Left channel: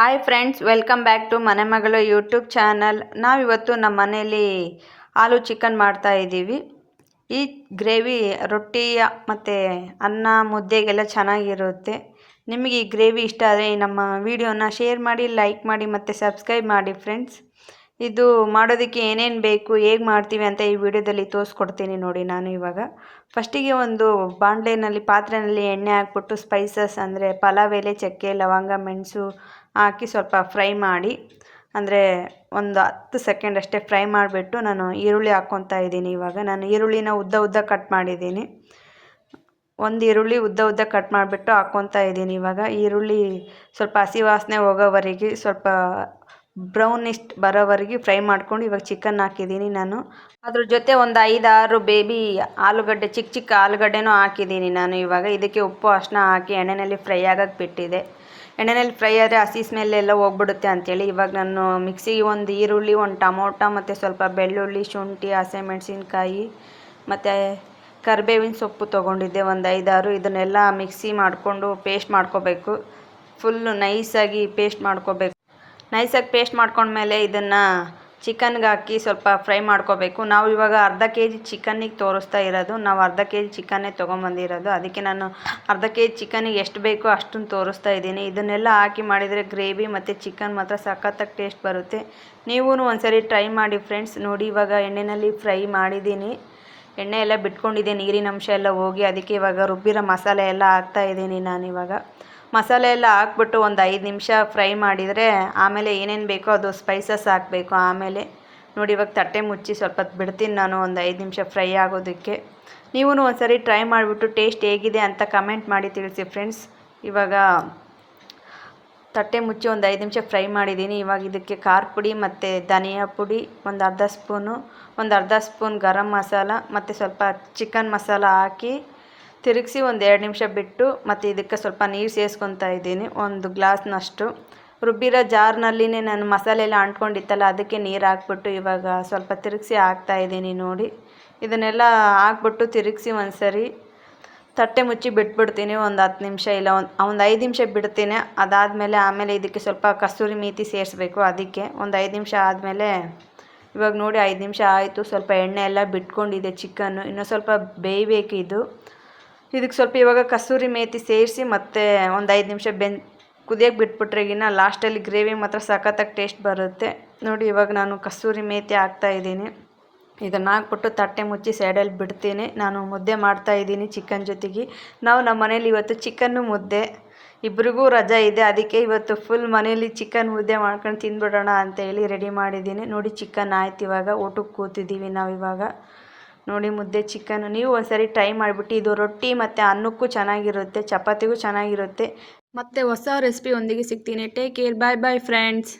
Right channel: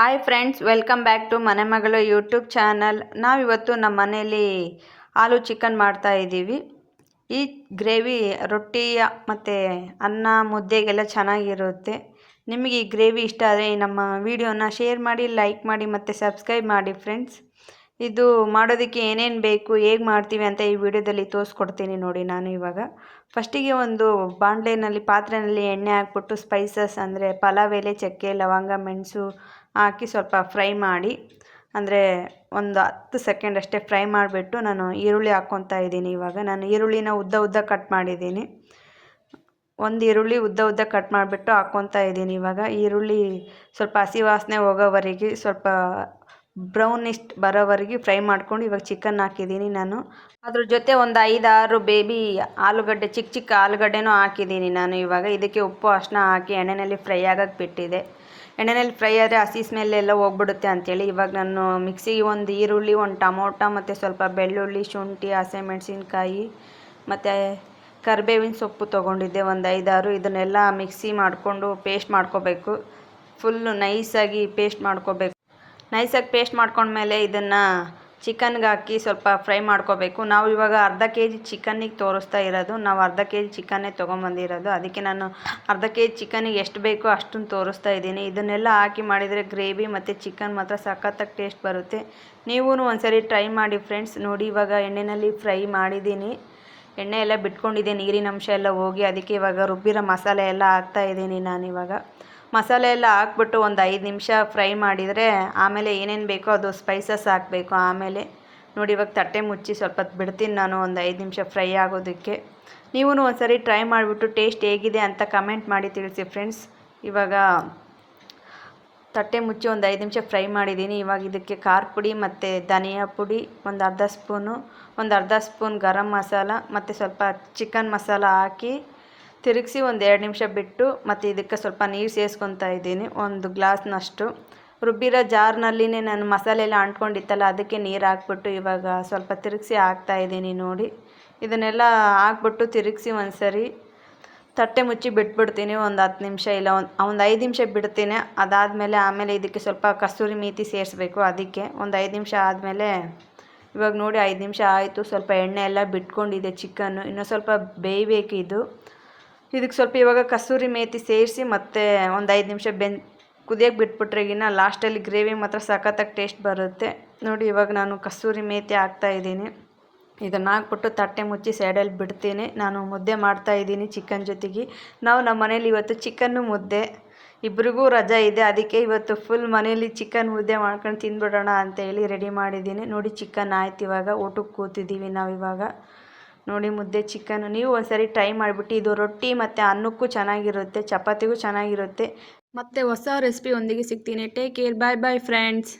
Hi friends, welcome back to ಮನೆ ಮಗಳು YouTube channel. ನಾವಿವತ್ತು ನಮ್ಮ ಮನೇಲಿ ಆಲೂ ಚಿಕನ್ ಮಾಡ್ತಾ ಇದ್ದೀವಿ. ಈ ಗ್ರೇವಿ ರೊಟ್ಟಿಯ ಮತ್ತು ಅನ್ನ ಮುದ್ದೆಗೆಲ್ಲ ಚೆನ್ನಾಗಿರುತ್ತೆ. ನಿಮಗೆ ಈ ಗ್ರೇವಿ ಇಷ್ಟ ಆದರೆ ನಮ್ಮ ವಿಡಿಯೋನ ಶೇರ್ ಮಾಡಿ, ಲೈಕ್ ಮಾಡಿ ಮತ್ತು ಸಬ್ಸ್ಕ್ರೈಬ್ ಮಾಡಿ ಫ್ರೆಂಡ್ಸ್. ಇದು ಮಾಡೋದಕ್ಕೆ ಏನೇನು ಬೇಕು, ಹೇಗೆ ಮಾಡ್ತೀವಿ ಅಂತ ಈ ವಿಡಿಯೋದಲ್ಲಿ ತೋರಿಸ್ಕೊಡ್ತೀನಿ ನೋಡಿ. ನಾನು ಇವಾಗ ಫಸ್ಟಿಗೆ ಒಂದು ಪಾತ್ರೆಯಲ್ಲಿ ಎಣ್ಣೆ ಹಾಕ್ಬಿಟ್ಟು ಸ್ಪೈಸಸ್ ಅಂದರೆ ಪಲಾವ್ ಎಲೆ, ಚಕ್ಕೆ, ಲವಂಗ, ಮೆಣಸು ಹಾಕಿ ಸ್ವಲ್ಪ ಫ್ರೈ ಮಾಡಿ, ಅಂದರೆ ಒಂದು 10 ಸೆಕೆಂಡ್ ಅಷ್ಟೇ ಫ್ರೈ ಮಾಡಿಬಿಟ್ಟು ನಾನು ಈರುಳ್ಳಿ ಹಾಕ್ಕೊತಾ ಇದ್ದೀನಿ. ಇವಾಗ ನಾನು ಈರುಳ್ಳಿನ ಉದ್ದ ಕಟ್ ಮಾಡಿದ್ದೀನಿ. ಒಂದು ಈರುಳ್ಳಿ ಉದ್ದ ಕಟ್ ಮಾಡಿಬಿಟ್ಟು ಹಾಕ್ಕೊತಾ ಇದ್ದೀನಿ. ಇವಾಗ ಈರುಳ್ಳಿ ಸ್ವಲ್ಪ ಹಸಿ ವಾಸನೆ ಹೋಗೋವರೆಗೆ, ಸ್ವಲ್ಪ ಬ್ರೌನಿಸ್ಟ್ ಬರೋವರೆಗೆ ಫ್ರೈ ಮಾಡ್ಕೊಂಡು ಇವಾಗ ಚಿಕನ್ ಹಾಕಿದ್ದೀನಿ ನಾನು. ಅದ್ರ ಜೊತೆ ಒಂದು 5-6 ಬೇಬಿ ಆಲೂಗಡ್ಡೆ, ಚಿಕ್ಕ ಆಲೂಗಡ್ಡೆನೂ ಹಾಕಿದ್ದೀನಿ ನಾನು. ಇವಾಗ ಇದಕ್ಕೆ ಉಪ್ಪು ಅರಿಶಿನ ಹಾಕಿ ಎಣ್ಣೆಯಲ್ಲಿ ಫ್ರೈ ಆಗೋಕ್ಕೆ ಬಿಟ್ಟಿದೆ. ಎಣ್ಣೆಯಲ್ಲಿ ಫ್ರೈ ಆದರೆ ಹಸಿ ಸ್ಮೆಲ್ಲೆಲ್ಲ ಹೋಗ್ಬಿಡುತ್ತೆ ಅಂಥೇಳಿ ಇವಾಗ ನಾನು ಮಿಕ್ಸಿಗೆ ಒಂದು ಈರುಳ್ಳಿ, ಒಂದು ಟೊಮೊಟೊ ಮತ್ತು ಸ್ವಲ್ಪ ಬೆಳ್ಳುಳ್ಳಿ, ಶುಂಠಿ, ಹಸಿಮೆಣಸಿನ್ಕಾಯಿ ಮತ್ತು ಕರಿಬೇವಿನ ಸೊಪ್ಪು ತೊಗೊಂಡಿದ್ದೆ ಒಂದು 5-6. ಇದನ್ನೆಲ್ಲ ಮಿಕ್ಸಿ ಮಾಡಿಕೊಂಡು ಪೇಸ್ಟ್ ಮಾಡ್ಕೋಬೇಕು. ಫುಲ್ಲು ನೈಸಾಗಿ ಪೇಸ್ಟ್ ಮಾಡ್ಕೋಬೇಕು. ನೈಸಾಗಿ ಪೇಸ್ಟ್ ಮಾಡ್ಕೊಂಡ್ಮೇಲೆ ಇದನ್ನು ಚಿಕನ್ಗೆ ಹಾಕಿ ಸ್ವಲ್ಪ ಫ್ರೈ ಮಾಡ್ಕೋಬೇಕು. ನಾವು ಇವಾಗ ಅರ್ಧ kg ಚಿಕನ್ನಿಗೆ ತೋರಿಸ್ತಾ ಇರೋದು. ನಾವು ಅರ್ಧ kg ಚಿಕನ್ನೇ ತೊಗೊಂಬಂದಿರೋದು. ಅದಕ್ಕೆ ನಾನು ಅರ್ಧ kg ಚಿಕನ್ನಿಗೆ ಎಷ್ಟು ಬೇಕೋ ಅಷ್ಟನ್ನು ತೋರಿಸ್ತಾ ಇದ್ದೀನಿ. ಇದನ್ನೆಲ್ಲ ಹಾಕಿ ಮಾಡಿದರೆ ಗ್ರೇವಿ ಮತ್ತು ಚಿಕನ್ ಮಾತ್ರ ಸಖತ್ತಾಗಿ ಟೇಸ್ಟ್ ಬರುತ್ತೆ. ನೀವೂ ಒಂದ್ಸರಿ ಟ್ರೈ ಮಾಡಿ ಫ್ರೆಂಡ್ಸ್. ನೋಡಿ, ಇವಾಗ ಎಣ್ಣೆಯಲ್ಲಿ ಫ್ರೈ ಮಾಡಿದ್ದೀನಿ. ಎಣ್ಣೆ ಎಲ್ಲ ಬಿಟ್ಕೊಂಡಿದೆ, ನೀರಿನ ಅಂಶ ಎಲ್ಲ ಹೋಗಿ. ಅದಕ್ಕೆ ಇವಾಗ ರುಬ್ಬಿರೋ ಮಸಾಲೆ ಎಲ್ಲ ಹಾಕ್ತಾಯಿದ್ದೀನಿ ನಾನಿವಾಗ. ಮಸಾಲೆ ಎಲ್ಲ ಹಾಕ್ಬಿಟ್ಟು ಒಂದು 5 ನಿಮಿಷ ಫ್ರೈ ಮಾಡಿದರೆ ಆಮೇಲೆ ಏನೇನು ಬೇಕೋ ಅದು ಸ್ಪೈಸಸ್ ಹಾಕಬೇಕು. ಆಮೇಲೆ ನೋಡಿ, ಇವಾಗ ತಟ್ಟೆ ಮುಚ್ಚಿ ಸ್ವಲ್ಪ ಹೊತ್ತು ಬಿಡ್ತೀನಿ ನಾನು, ಒಂದು 5 ನಿಮಿಷ ಫ್ರೈ ಆಗೋದಕ್ಕೆ. ನೀವೂ ಒಂದ್ಸರಿ ಟ್ರೈ ಮಾಡಿಬಿಟ್ಟು ಟೇಸ್ಟ್ ಹೇಗಿದೆ ಅಂತ ಕಮೆಂಟ್ ಮಾಡಿ ತಿಳಿಸಿ ಫ್ರೆಂಡ್ಸ್. ಇವಾಗ ತಟ್ಟೆ ಮುಚ್ಚಿ ಒಂದು 5 ನಿಮಿಷ ಫ್ರೈ ಮಾಡಿದ್ದೀನಿ. ಇವಾಗ ಇದಕ್ಕೆ ಖಾರ ಪುಡಿ ಮತ್ತು ಧನಿಯಾ ಪುಡಿ ಒಂದು ಅರ್ಧ ಸ್ಪೂನ್ ಗರಂ ಮಸಾಲ ಮತ್ತು ಸ್ವಲ್ಪ ಚಿಕನ್ ಮಸಾಲ ಹಾಕಿ ತಿರುಗಿಸಿ ಒಂದು 2 ನಿಮಿಷ ಬಿಟ್ಟು, ಮತ್ತು ಇದಕ್ಕೆ ಸ್ವಲ್ಪ ನೀರು ಸೇರಿಸ್ಕೊತಾ ಇದ್ದೀನಿ, ಒಂದು ಗ್ಲಾಸ್ನಷ್ಟು. ರುಬ್ಬಿರೋ ಜಾರ್ನಲ್ಲಿನೇ ನಾನು ಮಸಾಲೆ ಎಲ್ಲ ಅಂಟ್ಕೊಂಡಿತ್ತಲ್ಲ, ಅದಕ್ಕೆ ನೀರು ಹಾಕ್ಬಿಟ್ಟು ಇವಾಗ ಸ್ವಲ್ಪ ತಿರುಗಿಸಿ ಹಾಕ್ತಾಯಿದ್ದೀನಿ ನೋಡಿ. ಇದನ್ನೆಲ್ಲ ಹಾಕ್ಬಿಟ್ಟು ತಿರುಗಿಸಿ ಒಂದು ಸರಿ ತಟ್ಟೆ ಮುಚ್ಚಿ ಬಿಟ್ಬಿಡ್ತೀನಿ ಒಂದು 10 ನಿಮಿಷ, ಇಲ್ಲ ಒಂದು 5 ನಿಮಿಷ ಬಿಡ್ತೀನಿ. ಆಮೇಲೆ ಇದಕ್ಕೆ ಸ್ವಲ್ಪ ಕಸೂರಿ ಮೇಥಿ ಸೇರಿಸ್ಬೇಕು. ಅದಕ್ಕೆ ಒಂದು 5 ನಿಮಿಷ ಆದಮೇಲೆ ಇವಾಗ ನೋಡಿ 5 ನಿಮಿಷ ಆಯಿತು. ಸ್ವಲ್ಪ ಎಣ್ಣೆ ಎಲ್ಲ ಬಿಟ್ಕೊಂಡಿದೆ ಚಿಕನ್ನು, ಇನ್ನೂ ಸ್ವಲ್ಪ ಬೇಯಬೇಕು ಇದು. ಇದಕ್ಕೆ ಸ್ವಲ್ಪ ಇವಾಗ ಕಸೂರಿ ಮೇಥಿ ಸೇರಿಸಿ ಮತ್ತೆ ಒಂದು 5 ನಿಮಿಷ ಕುದಿಯೋಕ್ಕೆ ಬಿಟ್ಬಿಟ್ರೆಗಿನ ಲಾಸ್ಟಲ್ಲಿ ಗ್ರೇವಿ ಮಾತ್ರ ಸಖತ್ತಾಗಿ ಟೇಸ್ಟ್ ಬರುತ್ತೆ ನೋಡಿ. ಇವಾಗ ನಾನು ಕಸೂರಿ ಮೇಥಿ ಹಾಕ್ತಾಯಿದ್ದೀನಿ. ಇದನ್ನು ಹಾಕ್ಬಿಟ್ಟು ತಟ್ಟೆ ಮುಚ್ಚಿ ಸೈಡಲ್ಲಿ ಬಿಡ್ತೀನಿ. ನಾನು ಮುದ್ದೆ ಮಾಡ್ತಾಯಿದ್ದೀನಿ ಚಿಕನ್ ಜೊತೆಗೆ. ನಮ್ಮ ಮನೇಲಿ ಇವತ್ತು ಚಿಕನ್ನು ಮುದ್ದೆ, ಇಬ್ರಿಗೂ ರಜಾ ಇದೆ. ಅದಕ್ಕೆ ಇವತ್ತು ಫುಲ್ ಮನೇಲಿ ಚಿಕನ್ ಮುದ್ದೆ ಮಾಡ್ಕೊಂಡು ತಿಂದ್ಬಿಡೋಣ ಅಂತೇಳಿ ರೆಡಿ ಮಾಡಿದ್ದೀನಿ ನೋಡಿ. ಚಿಕನ್ ಆಯ್ತು, ಇವಾಗ ಊಟಕ್ಕೆ ಕೂತಿದ್ದೀವಿ ನಾವು ಇವಾಗ. ನೋಡಿ, ಮುದ್ದೆ ಚಿಕನ್ ನೀವು ಒಂದ್ಸರಿ ಟ್ರೈ ಮಾಡಿಬಿಟ್ಟು. ಇದು ರೊಟ್ಟಿ ಮತ್ತು ಅನ್ನಕ್ಕೂ ಚೆನ್ನಾಗಿರುತ್ತೆ, ಚಪಾತಿಗೂ ಚೆನ್ನಾಗಿರುತ್ತೆ. ಮತ್ತೆ ಹೊಸ ರೆಸಿಪಿ ಒಂದಿಗೆ ಸಿಗ್ತೀನಿ. ಟೇಕ್ ಕೇರ್, ಬಾಯ್ ಬಾಯ್ ಫ್ರೆಂಡ್ಸ್.